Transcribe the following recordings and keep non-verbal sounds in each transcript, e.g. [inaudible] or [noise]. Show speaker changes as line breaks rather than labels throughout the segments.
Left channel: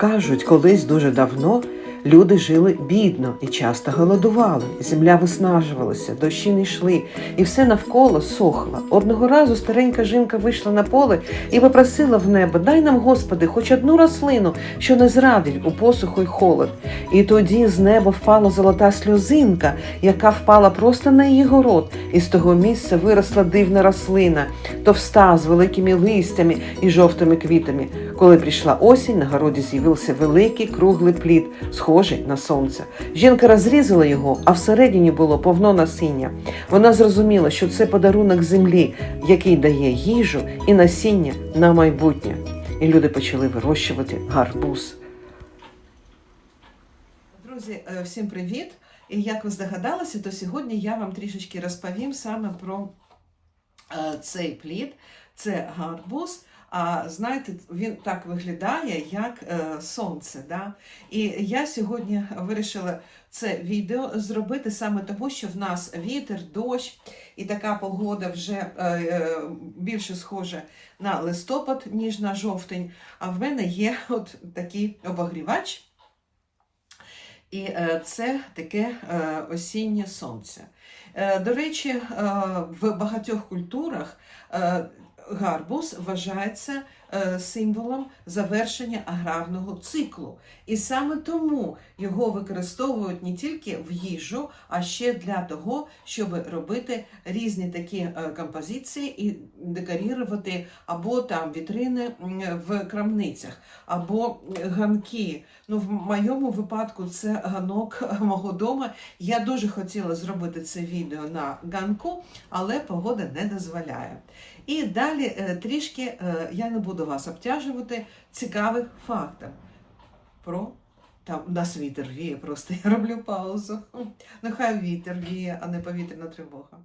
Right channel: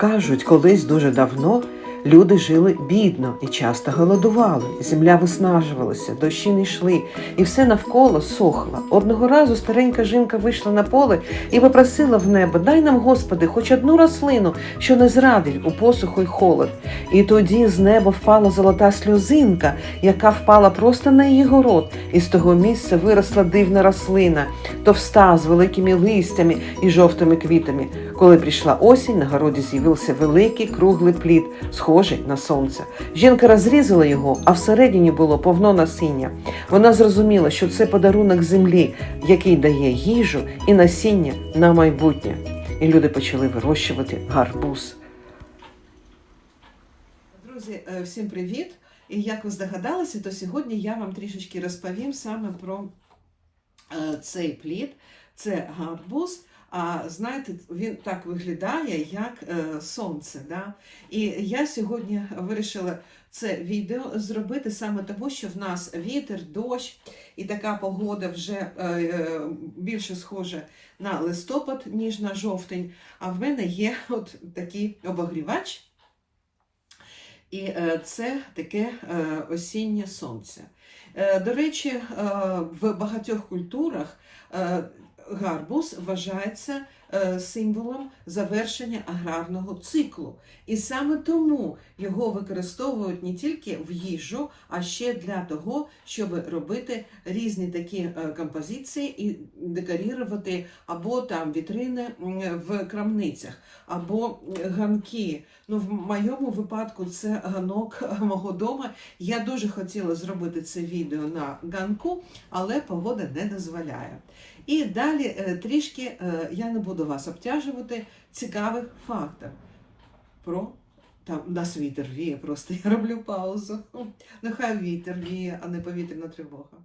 Кажуть, колись дуже давно люди жили бідно і часто голодували. Земля виснажувалася, дощі не йшли, і все навколо сохло. Одного разу старенька жінка вийшла на поле і попросила в небо: Дай нам, Господи, хоч одну рослину, що не зрадить у посуху й холод. І тоді з неба впала золота сльозинка, яка впала просто на її город, і з того місця виросла дивна рослина, товста з великими листями і жовтими квітами. Коли прийшла осінь, на городі з'явився великий круглий плід, схожий на сонце. Жінка розрізала його, а всередині було повно насіння. Вона зрозуміла, що це подарунок землі, який дає їжу і насіння на майбутнє. І люди почали вирощувати гарбуз.
Друзі, е, всім привіт! І як ви здогадалися, то сьогодні я вам трішечки розповім саме про е, цей плід. Це гарбуз. А знаєте, він так виглядає, як е, сонце. Да? І я сьогодні вирішила це відео зробити саме тому, що в нас вітер, дощ і така погода вже е, е, більше схожа на листопад, ніж на жовтень. А в мене є от такий обогрівач. І е, це таке е, осіннє сонце. До речі, в багатьох культурах гарбуз вважається е, символом завершення аграрного циклу. І саме тому його використовують не тільки в їжу, а ще для того, щоб робити різні такі е, композиції і декорувати або там вітрини в крамницях, або ганки. Ну, в моєму випадку це ганок [laughs] мого дома. Я дуже хотіла зробити це відео на ганку, але погода не дозволяє. І далі е, трішки е, я не буду вас обтяжувати цікавих фактів про там у нас вітер віє, просто я роблю паузу. [laughs] Нехай вітер віє, а не повітряна тривога.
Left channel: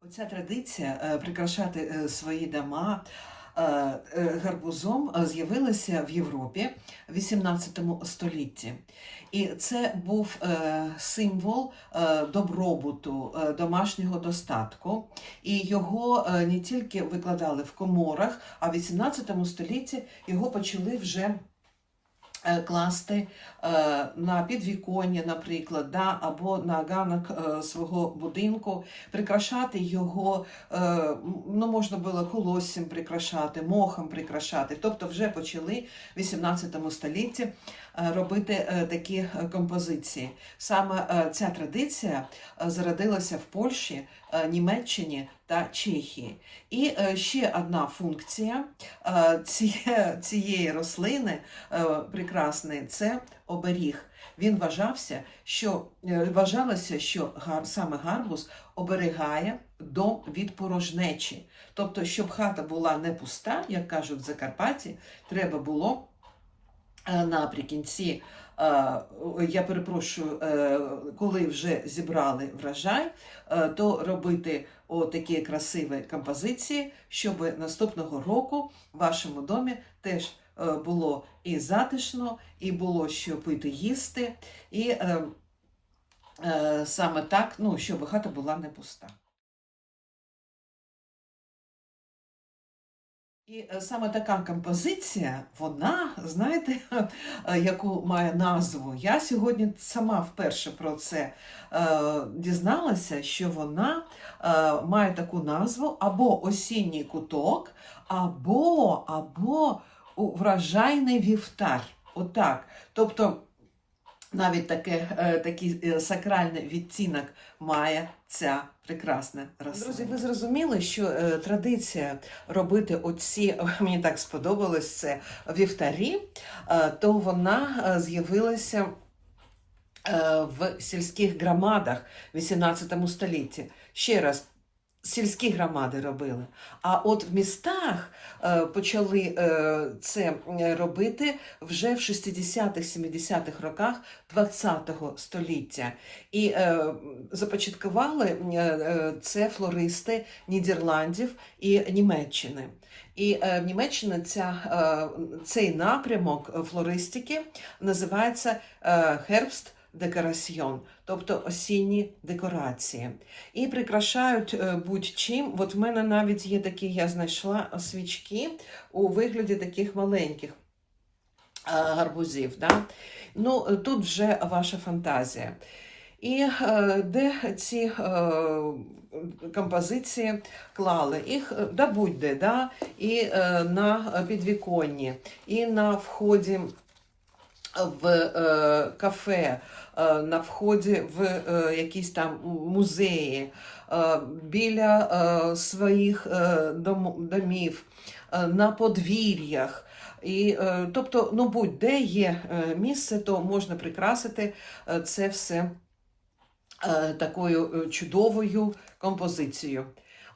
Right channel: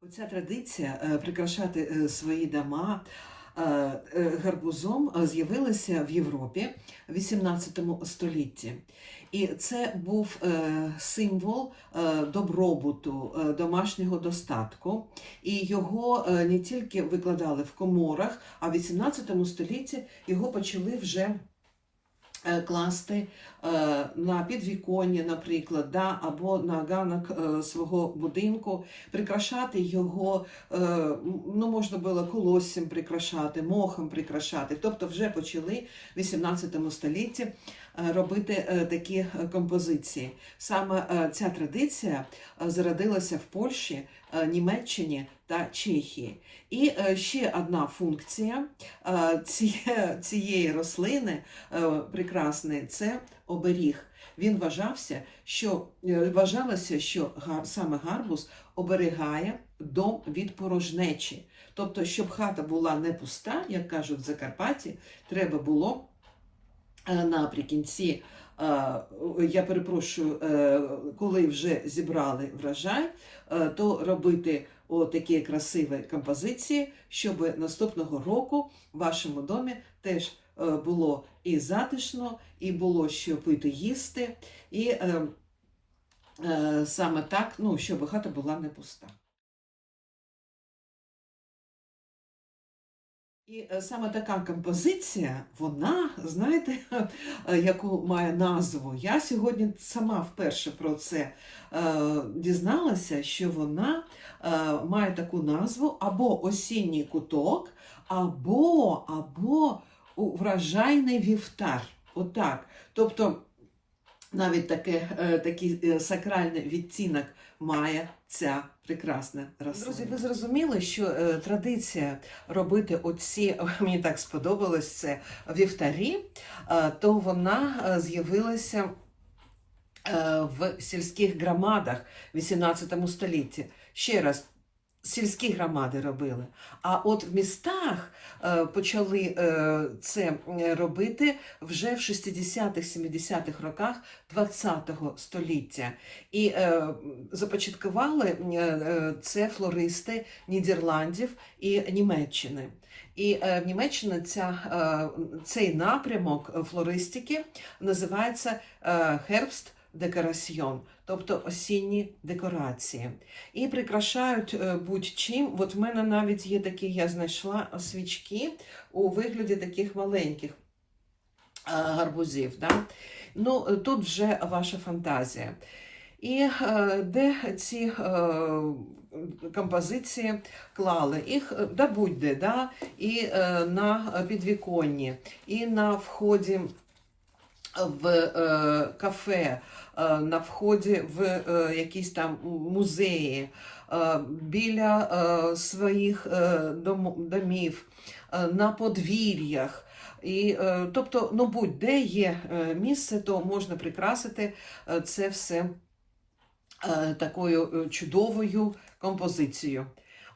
Оця традиція е, прикрашати свої дома гарбузом з'явилася в Європі в 18 столітті. І це був е, символ е, добробуту, е, домашнього достатку. І його не тільки викладали в коморах, а в 18 столітті його почали вже класти на підвіконня, наприклад, да, або на ганок свого будинку, прикрашати його, ну, можна було колоссям прикрашати, мохом прикрашати. Тобто вже почали в 18 столітті робити е, такі е, композиції. Саме е, ця традиція е, зародилася в Польщі, е, Німеччині та Чехії. І е, ще одна функція е, цієї рослини е, прекрасної це оберіг. Він вважався, що е, вважалося, що саме гарбуз оберігає дом від порожнечі. Тобто, щоб хата була не пуста, як кажуть в Закарпатті, треба було е, наприкінці, е, я перепрошую, е, коли вже зібрали врожай, е, то робити такі красиві композиції, щоб наступного року в вашому домі теж е, було і затишно, і було що пити, їсти, і е, е, саме так, ну, щоб хата була не пуста. І е, саме така композиція, вона, знаєте, [laughs] яку має назву. Я сьогодні сама вперше про це е, дізналася, що вона е, має таку назву або осінній куток, або, або врожайний вівтар. Отак. Тобто навіть таке, е, такий е, сакральний відтінок має ця прекрасна рослина. Друзі, ви зрозуміли, що е, традиція робити оці, [laughs] мені так сподобалось це вівтарі, то вона з'явилася в сільських громадах в 18 столітті. Ще раз, сільські громади робили. А от в містах е, почали е, це робити вже в 60-70-х роках 20-го століття. І е, започаткували це флористи Нідерландів і Німеччини. І в Німеччині ця, цей напрямок флористики називається Herbst декораціон, тобто осінні декорації. І прикрашають е, будь-чим. От в мене навіть є такі, я знайшла свічки у вигляді таких маленьких е, гарбузів. Да? Ну, тут вже ваша фантазія. І е, де ці композиції клали? Їх да будь-де, да? і на підвіконні, і на вході в е, кафе, е, на вході в е, якісь там музеї, біля своїх дом- домів, на подвір'ях. І, тобто, ну будь-де є місце, то можна прикрасити це все такою чудовою композицією.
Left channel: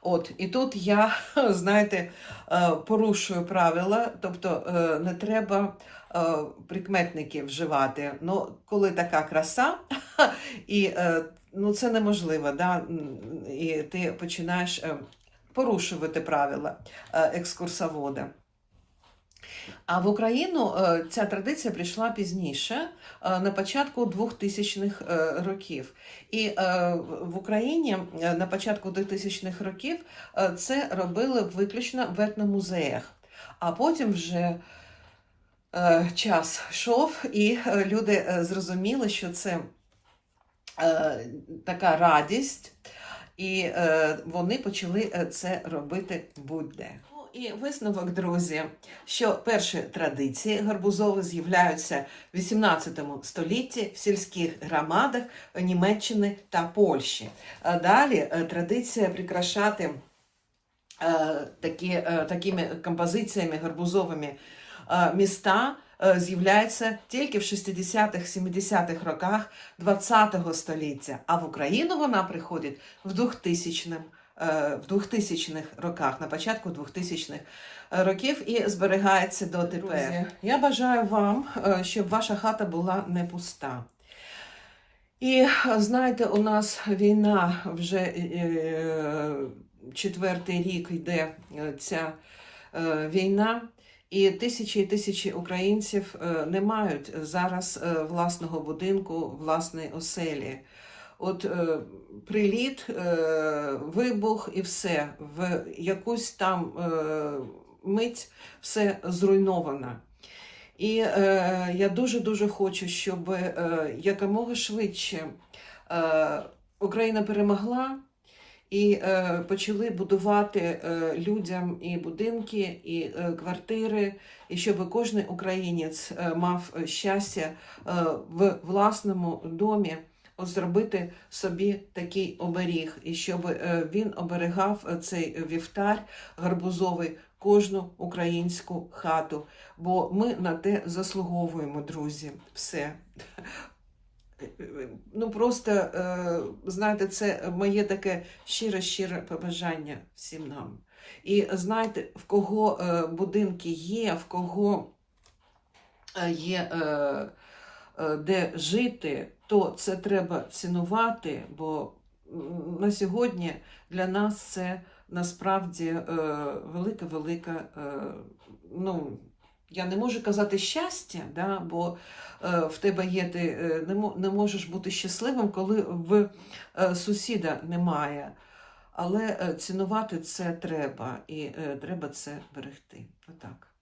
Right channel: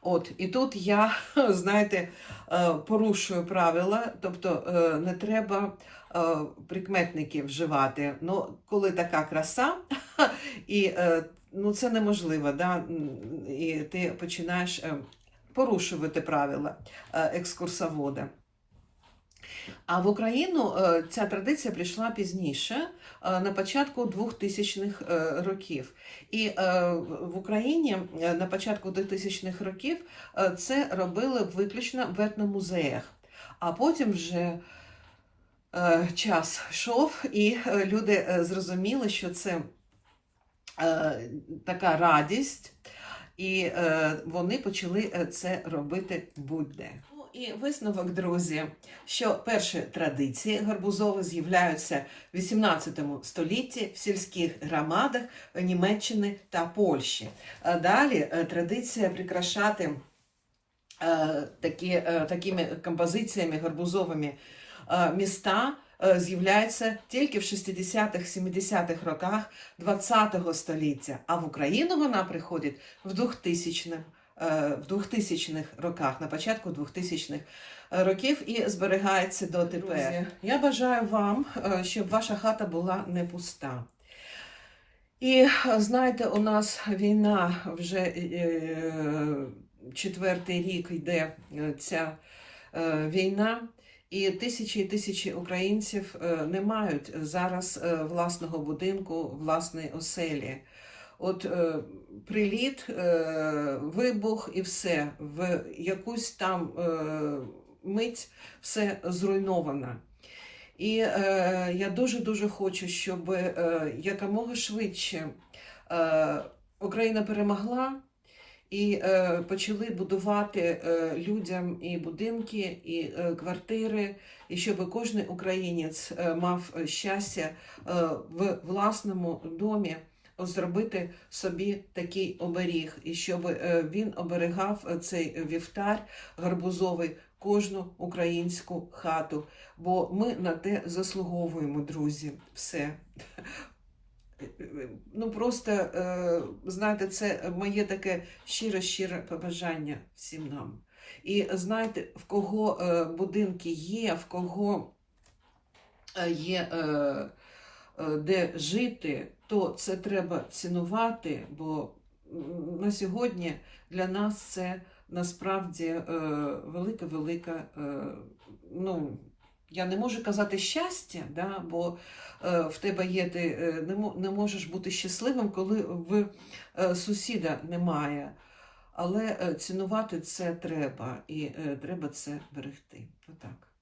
От, і тут я, [laughs] знаєте, е, порушую правила, тобто е, не треба е, прикметники вживати. Ну, коли така краса, [laughs] і ну, це неможливо, да? і ти починаєш порушувати правила екскурсовода. А в Україну е, ця традиція прийшла пізніше, е, на початку 2000-х е, років. І в Україні на початку 2000-х років це робили виключно в етномузеях. А потім вже час йшов, і люди зрозуміли, що це така радість, і вони почали це робити будь-де. І висновок, друзі, що перші традиції гарбузові з'являються в 18 столітті в сільських громадах Німеччини та Польщі. Далі е, традиція прикрашати е, такі, е, такими композиціями гарбузовими е, міста е, з'являється тільки в 60-х, 70-х роках ХХ століття, а в Україну вона приходить в 2000 е, в 2000-х роках, на початку 2000-х років і зберігається до тепер. Я бажаю вам, е, щоб ваша хата була не пуста. І е, знаєте, у нас війна вже е, четвертий рік йде е, ця е, війна, і тисячі і тисячі українців е, не мають зараз е, власного будинку, власної оселі. От е, приліт, е, вибух і все, в якусь там е, мить все зруйновано. І е, я дуже-дуже хочу, щоб е, якомога швидше е, Україна перемогла і е, почали будувати е, людям і будинки, і е, квартири, і щоб кожен українець е, мав щастя е, в власному домі зробити собі такий оберіг, і щоб е, він оберігав цей вівтар гарбузовий кожну українську хату. Бо ми на те заслуговуємо, друзі. Все. Ну просто е, знаєте, це моє таке щире-щире побажання всім нам. І знаєте, в кого е, будинки є, в кого є де жити, то це треба цінувати, бо на сьогодні для нас це насправді е, велика-велика, е, ну, я не можу казати щастя, да, бо е, в тебе є, ти е, не, можеш бути щасливим, коли в е, сусіда немає. Але е, цінувати це треба, і е, треба це берегти. Отак.